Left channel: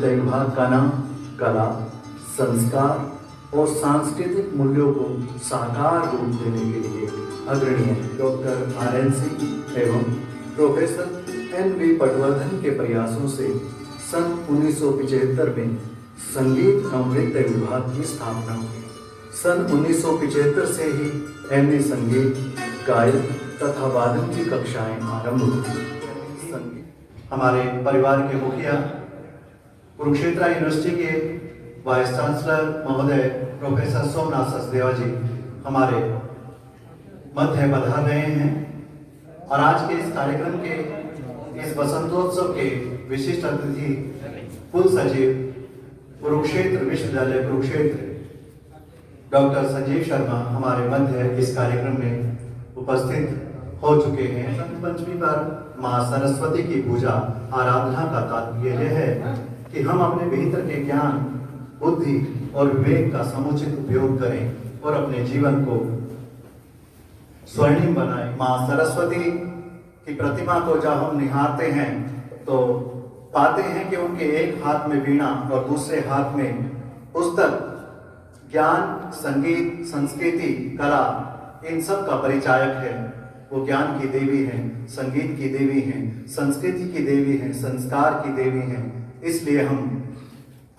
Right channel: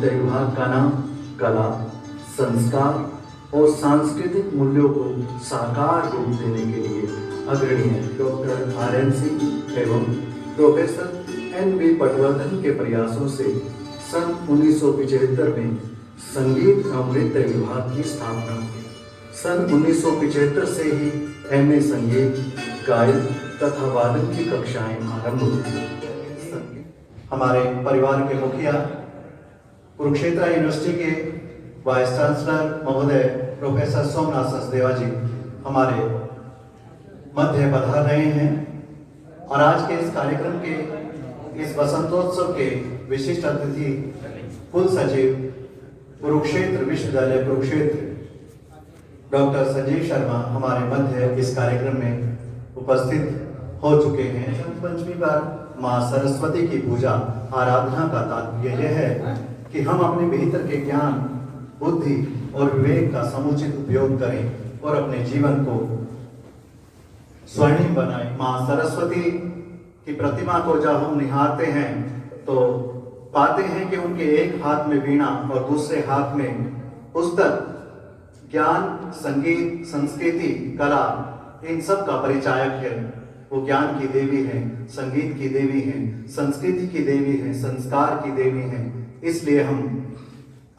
विद्या विभाग का नाम कला, संस्कार और सांस्कृतिक मूल्यों को साकार रूप देने के लिए अग्रणी है। डॉक्टर RN सिंह एवं प्रोफेसर NV पटवर्धन के प्रयासों से सन 1975 में संगीत एवं नृत्य विभाग की स्थापना हुई। सन 1975 से ही MA संगीत, गायन तथा वादन की कक्षाएं आरंभ हुई। हमारे परिवार के मुखिया, कुरुक्षेत्र यूनिवर्सिटी के वाइस चांसलर महोदय प्रोफेसर सोमनाथ सचदेवा जी हमारे मध्य पधार रहे हैं और आज के इस कार्यक्रम के इस वसंतोत्सव के विशिष्ट अतिथि कुल सचिव कुरुक्षेत्र विश्वविद्यालय कुरुक्षेत्र डॉक्टर संजीव शर्मा हमारे मध्य इस कार्यक्रम में उपस्थित हो चुके हैं। वसंत पंचमी पर माँ सरस्वती की पूजा आराधना का तात्पर्य यह है कि हम अपने भीतर के ज्ञान, बुद्धि और विवेक का समुचित उपयोग करें और अपने जीवन को स्वर्णिम बनाएं। माँ सरस्वती की प्रतिमा को जब हम निहारते हैं तो पाते हैं कि उनके एक हाथ में वीणा और दूसरे हाथ में पुस्तक, ज्ञान, संगीत, संस्कृति, कला, इन सब का परिचायक है। वो ज्ञान की देवी हैं, संगीत की देवी हैं, संस्कृति की देवी हैं, संस्कार की देवी हैं। इसलिए हम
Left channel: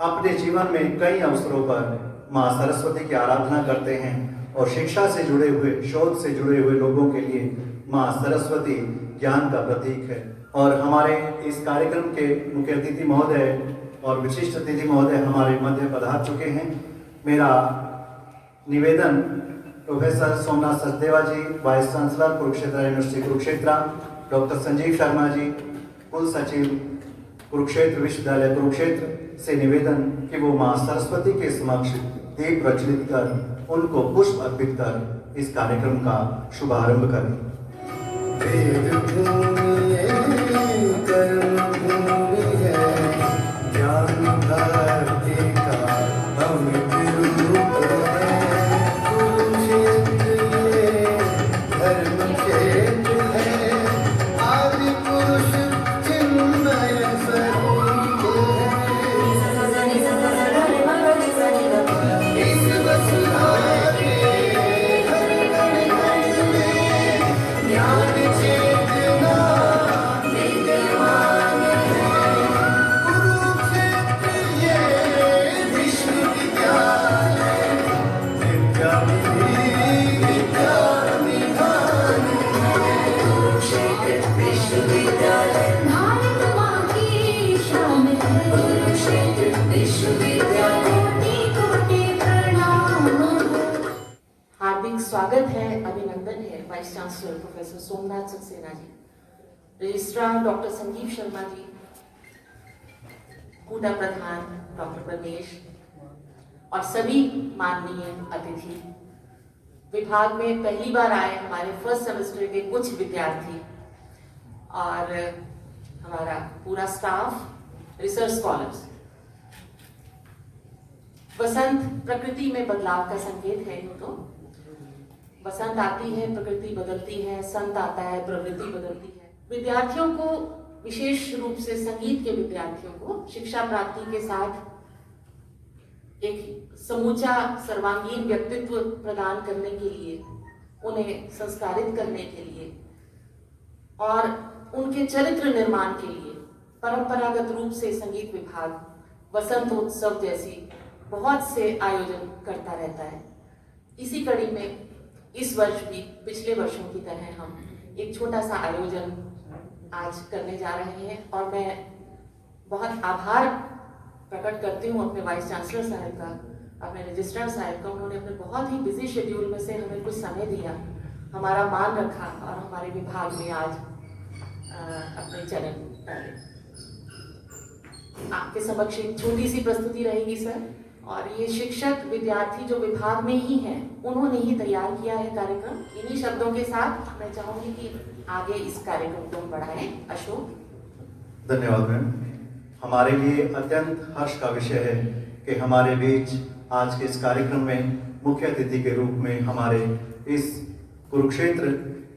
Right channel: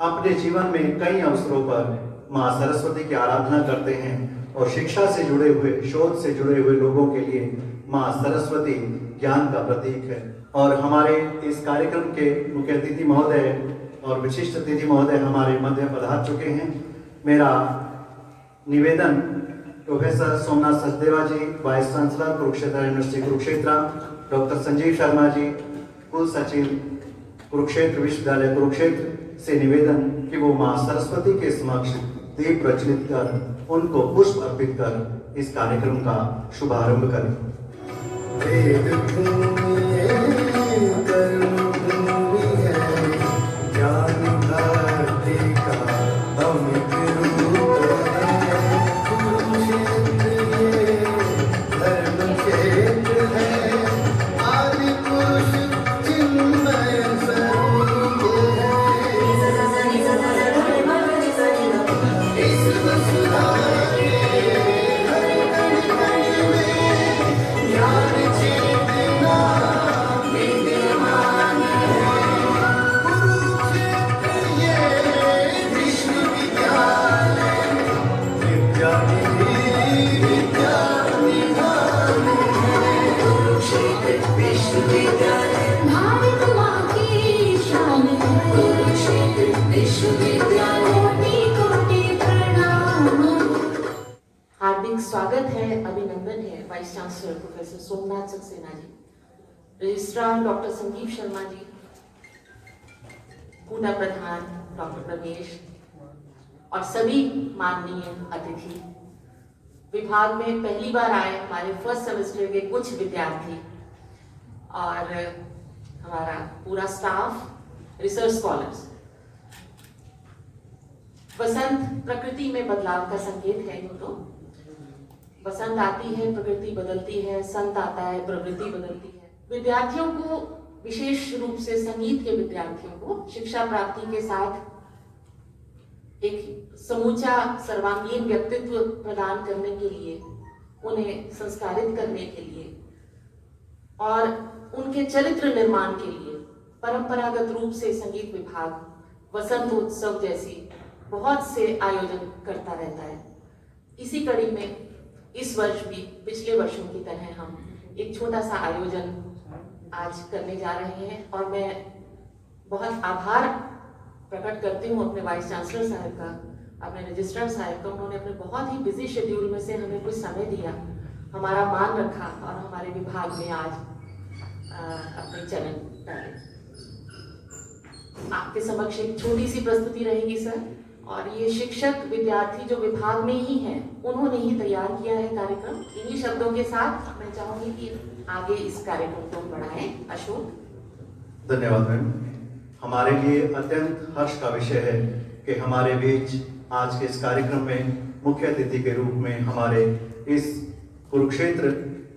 अपने जीवन में कई अवसरों पर माँ सरस्वती की आराधना करते हैं और शिक्षा से जुड़े हुए, शोध से जुड़े हुए लोगों के लिए माँ सरस्वती ज्ञान का प्रतीक है। और हमारे इस कार्यक्रम के मुख्य अतिथि महोदय और विशिष्ट अतिथि महोदय हमारे मध्य पधार चुके हैं। मेरा निवेदन professor Somnath Sachdeva ji, vice chancellor Kurukshetra university Kurukshetra, doctor Sanjeev Sharma ji, कुल सचिव कुरुक्षेत्र विश्वविद्यालय कुरुक्षेत्र से निवेदन कि वो माँ सरस्वती के समक्ष दीप प्रज्वलित कर उनको पुष्प अर्पित कर इस कार्यक्रम का शुभारंभ करें। हार्दिक स्वागत है, अभिनंदन है vice chancellor professor Somnath Saxena ji, registrar doctor Sanjeev Sharma ji, कूड़ा प्रधान डॉक्टर प्रदेश और सभी माननीय अतिथि। विभाग में पहली बार आए हमारे फर्स्ट सेमेस्टर के कुछ विद्यार्थी और हमारा पूरा स्टाफ, रिसर्च स्कॉलर्स। वसंत प्रकृति में बदलाव का संकेत है। यूं तो वसंत आती है, प्रकृति बदलती है, संत आता है, प्रवृत्ति बदलती है। विद्यार्थियों को, विशेष रूप से संगीत के विद्यार्थियों को शिक्षा प्राप्ति के साथ एक समूचा सर्वांगीण व्यक्तित्व प्रदान करने के लिए, उन्हें संस्कारित करने के लिए और उनके चरित्र निर्माण के लिए परंपरागत रूप से संगीत विभाग वसंत उत्सव जैसी बहुत से आयोजन करता रहता है। इसी कड़ी में इस वर्ष भी पिछले वर्षों की तरह हम एक छोटा सा आयोजन आज करने जा रहे हैं और मैं बहुत आभार प्रकट करती हूँ अपने वाइस चांसलर साहब का, अपने रजिस्ट्रार साहब का। उन्होंने अपने बहुत ही बिजी शेड्यूल में से हमें कुछ समय दिया, हमारा मान रखा और हमारे विभाग में आज अपने चरण डाले। आपके समक्ष एक छोटी सी प्रस्तुति रहेगी सर, और ये शिक्षक विद्यार्थी जो विभाग में ही हैं, उन्होंने ही तैयार किया है कार्यक्रम। इन्हीं शब्दों के साथ मैं चाहूंगी कि आगे इस कार्यक्रम को बढ़ाएं। अशोक। धन्यवाद मैम। हमारे लिए अत्यंत हर्ष का विषय है कि हमारे बीच आज के इस कार्यक्रम में मुख्य अतिथि के रूप में हमारे इस कुरुक्षेत्र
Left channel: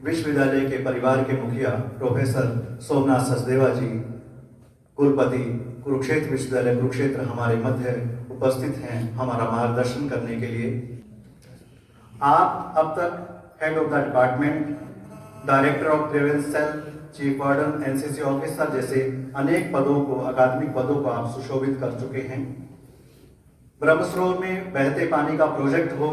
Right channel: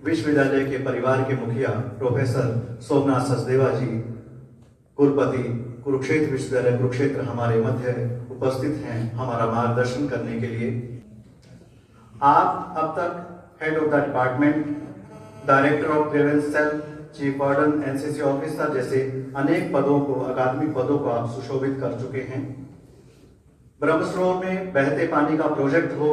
विश्वविद्यालय के परिवार के मुखिया प्रोफेसर सोमनाथ सचदेवा जी, कुलपति कुरुक्षेत्र विश्वविद्यालय कुरुक्षेत्र हमारे मध्य उपस्थित हैं हमारा मार्गदर्शन करने के लिए। आप अब तक head of the department, director of grievance cell, chief warden, NCC officer जैसे अनेक पदों को, अकादमिक पदों को आप सुशोभित कर चुके हैं। ब्रह्मसरोवर में बहते पानी का प्रोजेक्ट हो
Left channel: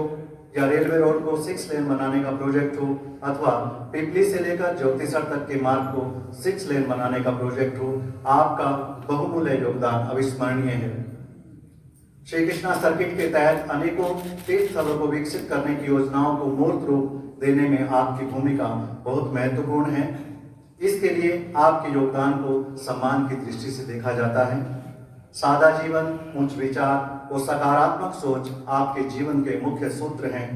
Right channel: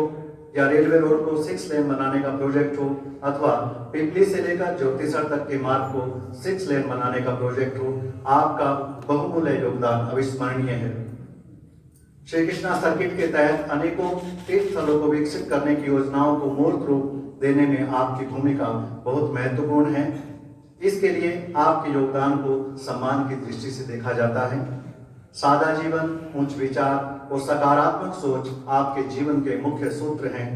या रेलवे रोड को 6 लेन बनाने का प्रोजेक्ट हो अथवा पिपली से लेकर ज्योतिसर तक के मार्ग को 6 लेन बनाने का प्रोजेक्ट हो, आपका बहुमूल्य योगदान अविस्मरणीय है। श्री कृष्णा सर्किट के तहत अनेकों तीर्थ स्थलों को विकसित करने की योजनाओं को मूर्त रूप देने में आपकी भूमिका बहुत महत्वपूर्ण है। इसके लिए आपके योगदान को सम्मान की दृष्टि से देखा जाता है। सादा जीवन, उच्च विचार और सकारात्मक सोच आपके जीवन के मुख्य सूत्र हैं।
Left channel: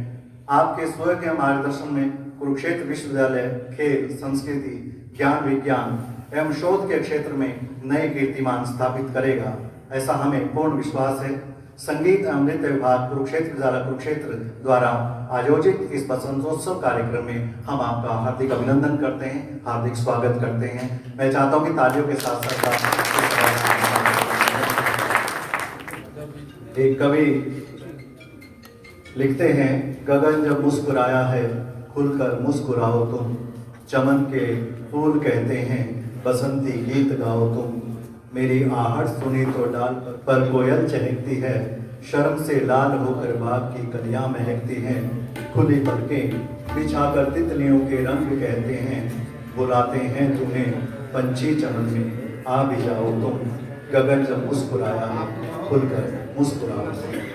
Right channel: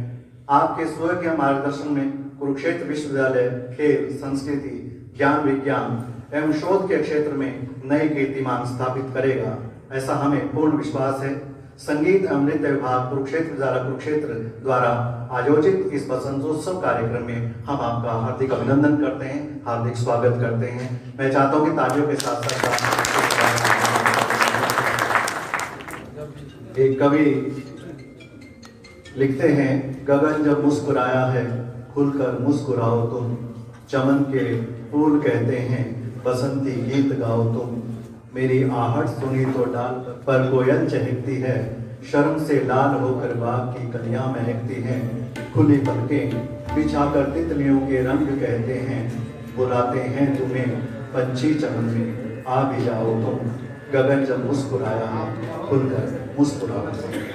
आपके स्वयं के मार्गदर्शन में कुरुक्षेत्र विश्वविद्यालय खेल, संस्कृति, ज्ञान विज्ञान एवं शोध के क्षेत्र में नए कीर्तिमान स्थापित करेगा, ऐसा हमें पूर्ण विश्वास है। संगीत एवं नृत्य विभाग कुरुक्षेत्र विद्यालय कुरुक्षेत्र द्वारा आयोजित इस बसंतोत्सव कार्यक्रम में हम आपका हार्दिक अभिनंदन करते हैं, हार्दिक स्वागत करते हैं। मैं चाहता हूं कि तालियों के साथ साथ एक कवि लिखते हैं, गगन जब मुस्कुराया है खुलकर मुस्कुराओ तुम, चमन के फूल कहते हैं बसंती गीत गाओ तुम, मेरी आहट सुनी तो डाल पर कोयल चहकती है, शर्म से लाल होकर बाग की कलियां महकती हैं, खुली पलकें बिछाकर तितलियों के रंग कहते हैं, बुलाते हैं तुम्हें पंछी चमन में आ भी जाओ तुम, गगन जब मुस्कुराया है खुलकर मुस्कुराओ तुम।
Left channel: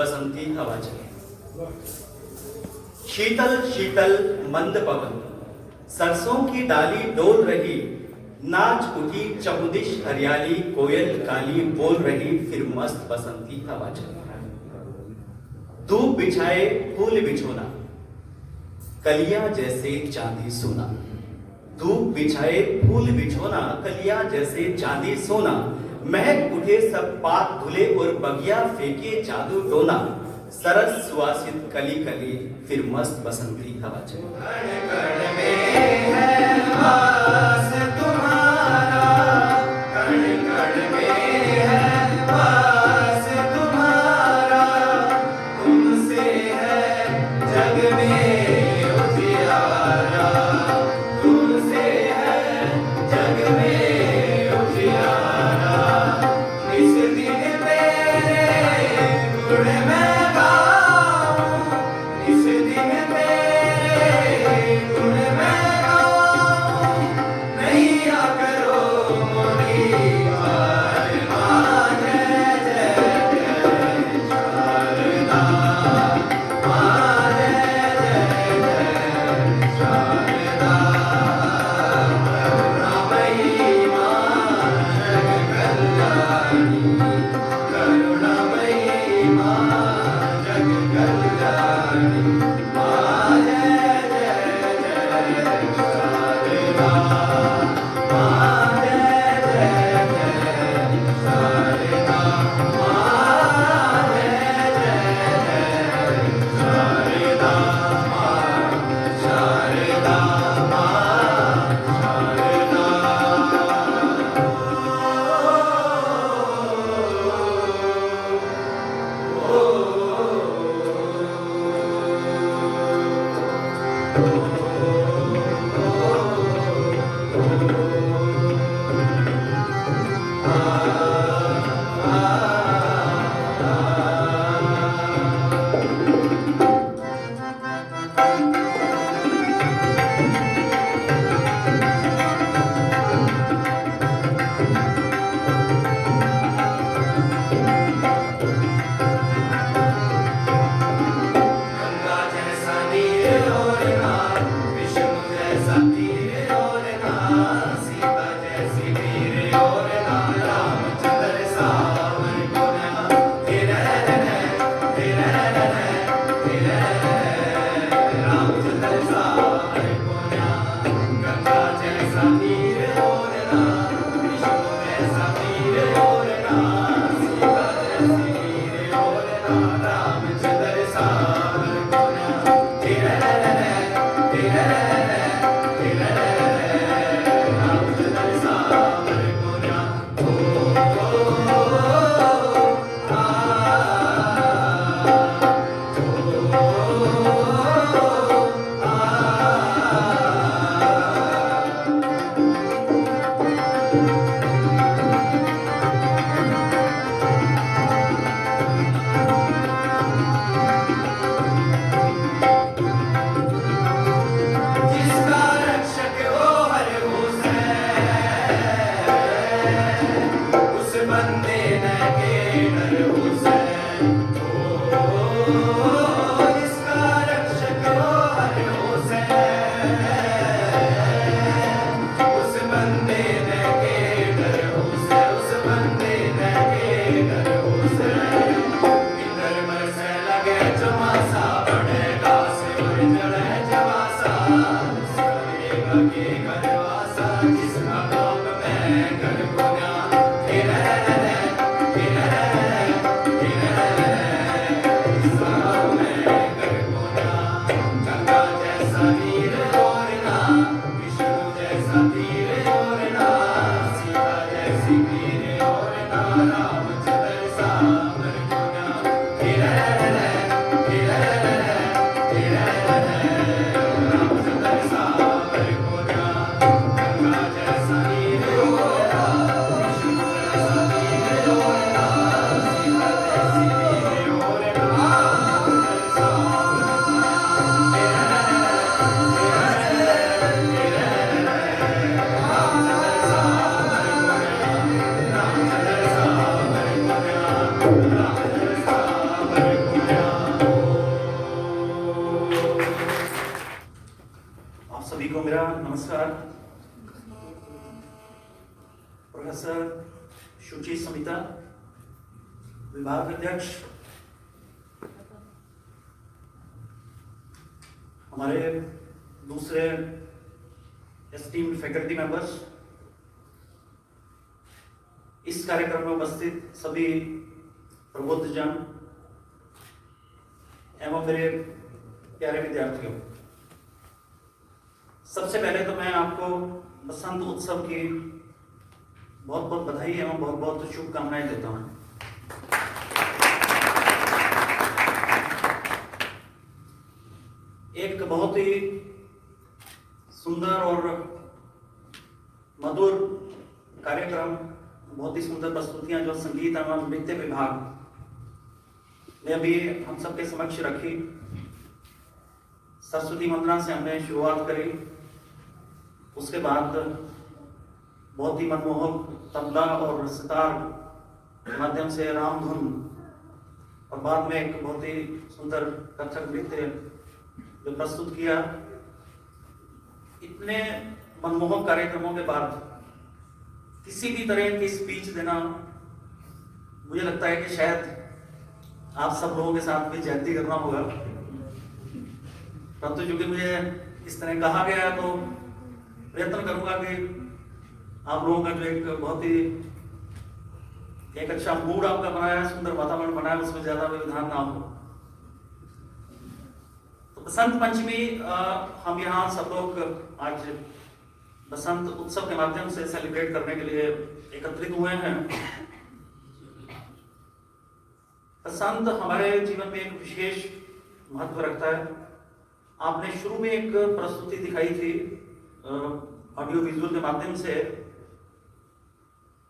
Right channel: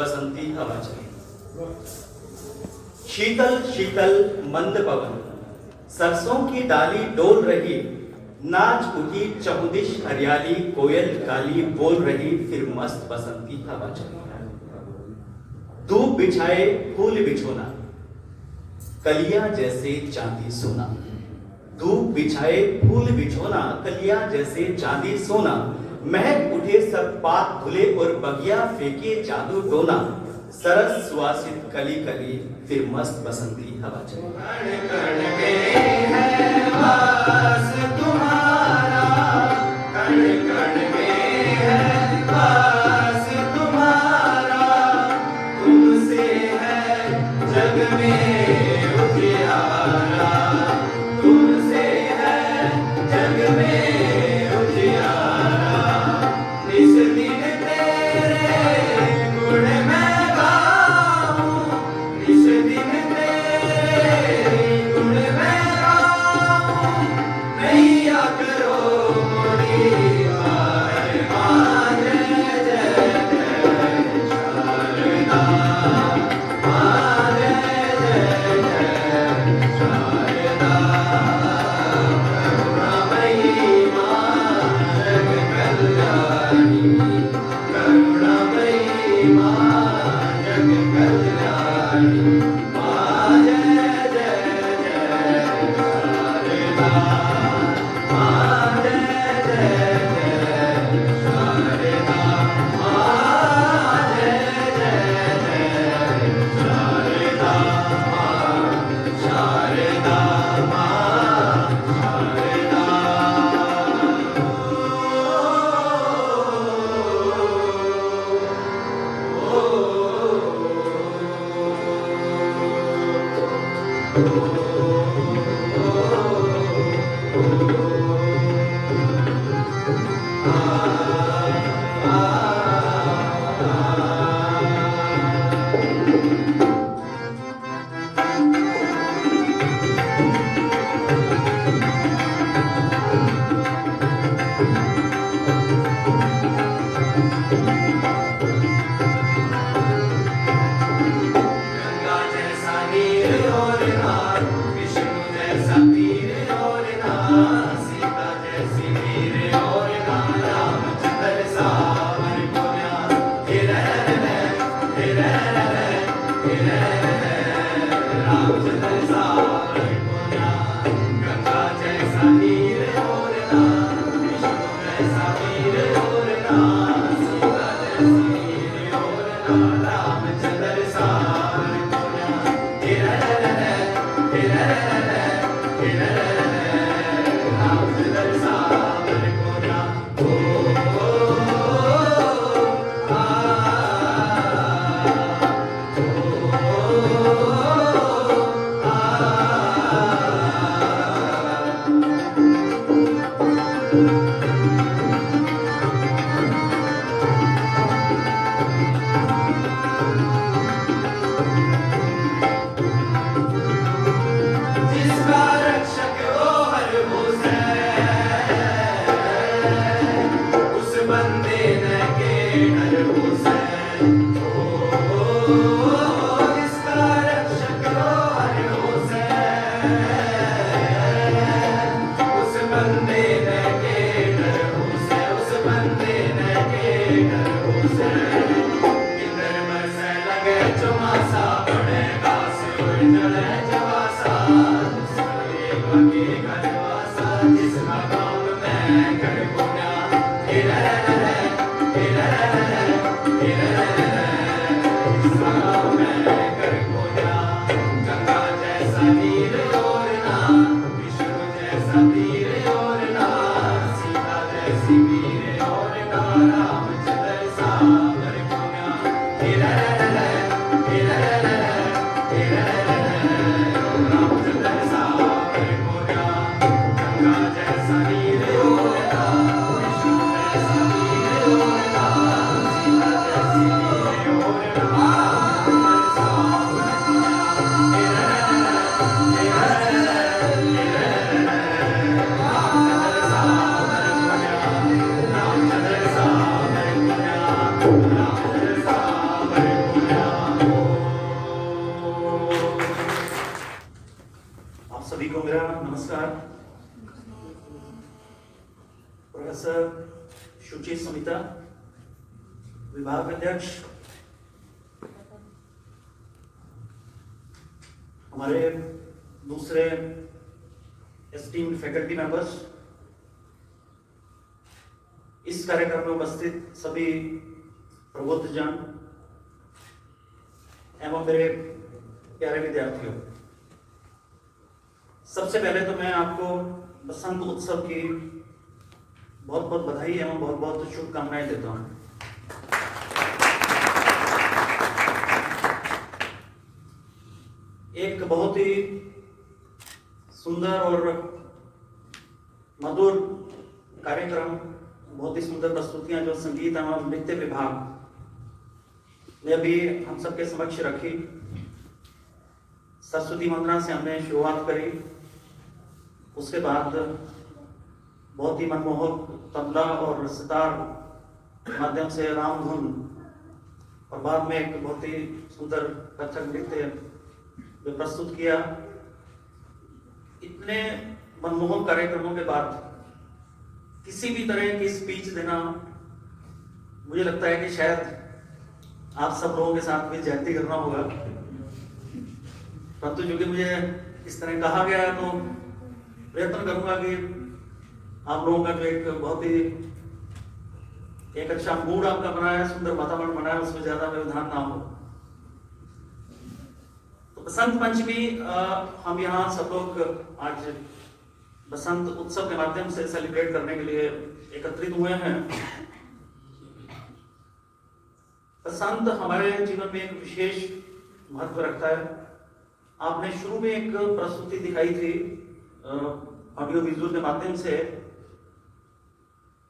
बसंती हवा चले। शीतल शीतल मंद पवन, सरसों की डाली डोल रही, नाच उठी चहुदिश हरियाली, कोयल काली बोल रही, फिर मस्त बसंती हवा चली। धूप बिछाए फूल बिछोना, कलियां जैसे चांदी सोना। धूप बिछाए फूल बिछोना, कलियां जैसे चांदी सोना। महक उठे सब पात धुले और बगिया फेंके जादू टोना। सरस सुवासित कली कली, फिर मस्त बसंती हवा चली। कण कण में है वास तुम्हारा, कण कण में है वास तुम्हारा। तुमसे है जग में उजियारा, तुमसे है जग में उजियारा। इस दिन तेरे गुण मैं गाऊं, इस दिन तेरे गुण मैं गाऊं। नैया करो मोरी पार, माँ जय जय जय शारदा, माँ जय जय जय शारदा। करुणामयी माँ जग कल्याणी, करुणामयी माँ जग कल्याणी। माँ जय जय जय शारदा, माँ जय जय जय शारदा, माँ जय जय जय शारदा, माँ शारदा, माँ शारदा। गंगा जैसा नीर ओरना, विष्णु जैसा तीर ओरना, सीता जैसी वीर ओरना, रामचंद्र सावर पुण्या। तेरे रामचंद्र सावर पुण्या। गंगा जैसा नीर ओरना, विष्णु जैसा वीर ओरना, सीता जैसी वीर ओरना, रामचंद्र सावर पुण्या। तेरे रामचंद्र सावर पुण्या। प्रोफेसर शुचि समिता, विभाग अध्यक्ष, हमारे दूसरे एस्टीम्ड फैकल्टी मेंबर्स, इस कार्यक्रम में उपस्थित सभी प्रबुद्धजन एवं मेरे प्यारे विद्यार्थियों, सबसे पहले तो मैं आपको बसंत उत्सव की बहुत बहुत बधाई एवं बहुत बहुत शुभकामनाएं देता हूं। एक बहुत ही सुंदर और मधुर कार्यक्रम, बहुत ही सुंदर प्रस्तुतियां जो संगीत एवं नृत्य विभाग ने अभी हम सबके समक्ष रखी। सरस्वती वंदना से हमने शुरुआत करी, उसके बाद बहुत ही मनमोहक तबला और सितार के माध्यम से राम धुन, और बाद में एक बहुत ही सुंदर कथक नृत्य जो प्रस्तुत किया। इतने मनमोहक कार्यक्रमों के बाद किसी भी तरह की स्पीच देना, मुझे लगता है कि शायद आप सब लोगों के साथ भी ज्यादती करना होगा, परंतु चूंकि मुझे इस तरह कहा गया है तो प्रयत्न करूंगा कि आप लोगों का जो एक बहुत ही एक अच्छा मूड आपका बना है, सुंदर वातावरण बना है, उसमें ज्यादा व्यवधान ना हो। तो बसंत पंचमी हम यहाँ सब लोग आज बसंत उत्सव के माध्यम से सेलिब्रेट करने के लिए एकत्रित हुए हैं। बसंत हमारे जीवन में एक विशेष महत्व रखता है। आपने शुरू में एक प्रस्तुति दिखाई थी ऑडियो विजुअल के माध्यम से,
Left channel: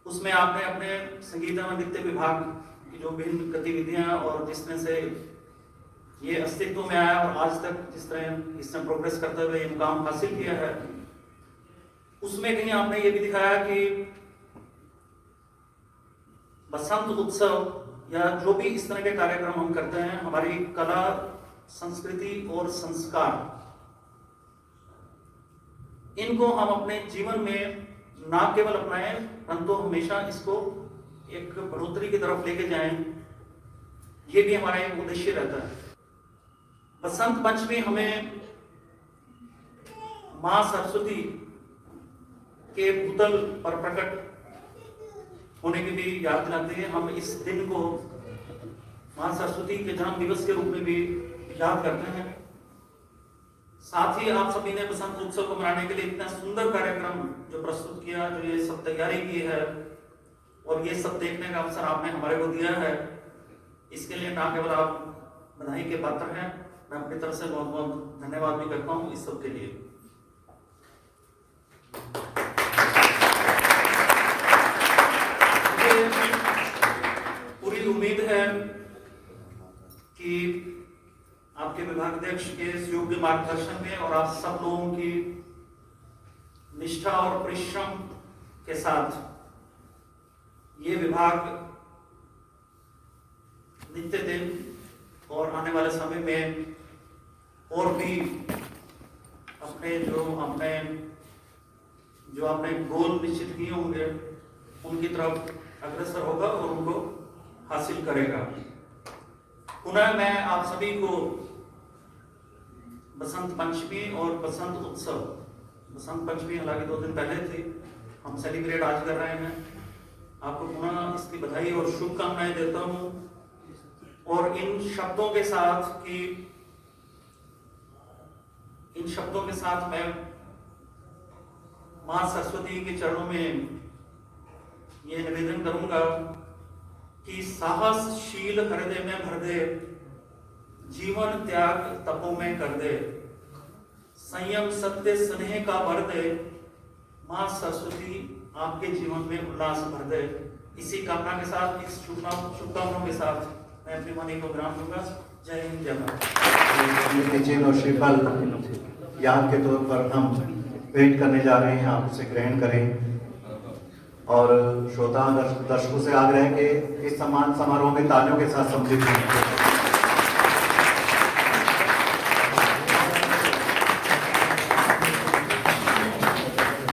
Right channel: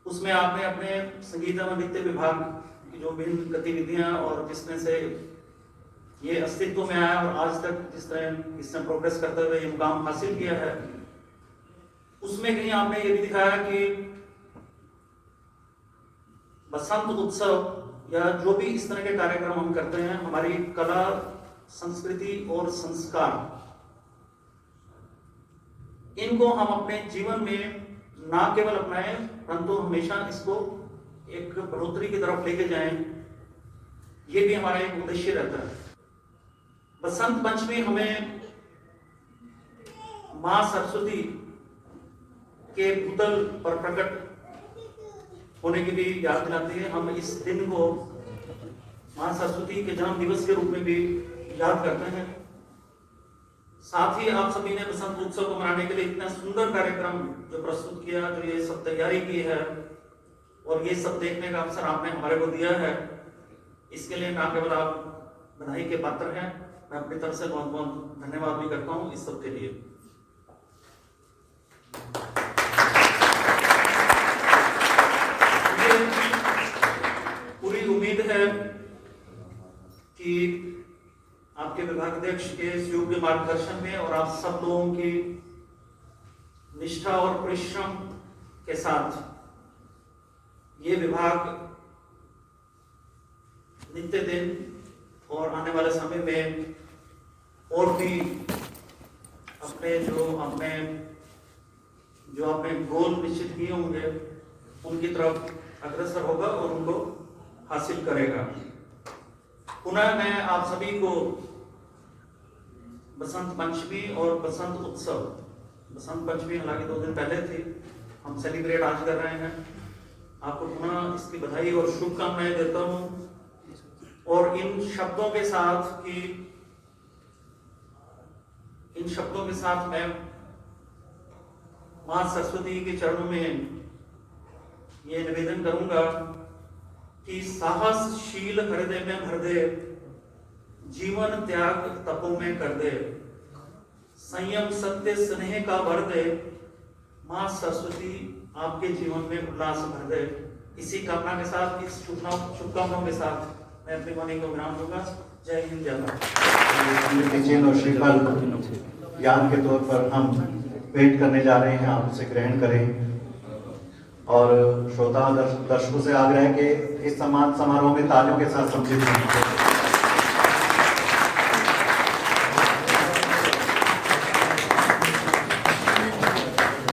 उसमें आपने अपने संगीत एवं नृत्य विभाग की जो विभिन्न गतिविधियां और जिसमें से ये अस्तित्व में आया और आज तक जिस तरह इसमें प्रोग्रेस करते हुए ये मुकाम हासिल किया है, उसमें कहीं आपने ये भी दिखाया कि बसंत उत्सव या जो भी इस तरह के कार्यक्रम हम करते हैं, हमारी कला, संस्कृति और संस्कार, इनको हम अपने जीवन में ना केवल अपनाएं परंतु हमेशा इसको एक बढ़ोतरी की तरफ लेके जाएं, ये भी हमारा एक उद्देश्य रहता है। बसंत पंचमी हमें मां सरस्वती के भूतल पर प्रकट होने की भी याद दिलाती है। हम इस दिन को मां सरस्वती के जन्म दिवस के रूप में भी याद करते हैं। साथ ही आप सभी ने बसंत उत्सव को मनाने के लिए इतना सुंदर कार्यक्रम जो प्रस्तुत किया, जो ये सब तैयारी की है और ये सब देखने का अवसर आपने हमारे को दिया है, इसके लिए ना केवल आप बधाई के पात्र हैं, मैं अपनी तरफ से बहुत बहुत धन्यवाद भी करता हूँ इस सब के लिए। पूरी उम्मीद है कि आपके विभागाध्यक्ष के योग्य मार्गदर्शन में और आप सब लोगों की निष्ठा और परिश्रम के साथ ये विभाग नित्य दिन और आने वाले समय में और भी अपने जो आपने गोल निश्चित किए होंगे उनकी तरफ अग्रसर होगा और उनको हासिल करेगा। पुनः मैं आप सभी को बसंत पंचमी और बसंत उत्सव, बसंत पंचमी हालांकि 2 दिन पहले थी, हम सेलिब्रेट आज कर रहे हैं, आपको पुनः इसकी बधाई और शुभकामनाएं देता हूं। और इन शब्दों के साथ मैं मां सरस्वती के चरणों में ये निवेदन करूंगा कि साहसशील हृदय में भर दे, जीवन त्याग तपों में कर दे, संयम सत्य स्नेह का भर दे, मां सरस्वती आपके जीवन में उल्लास भर दे। इसी कामना के साथ, इस शुभकामनाओं के साथ मैं अपने वाणी को विराम दूंगा। जय हिंद, जय भारत। चिन्ह और श्रीफल याद के तौर पर हम भेंट करने जा रहे हैं, आप इसे ग्रहण करें। और श्रोता दर्शकों से आग्रह है कि इस सम्मान समारोह में तालियों के साथ सम्मिलित हों।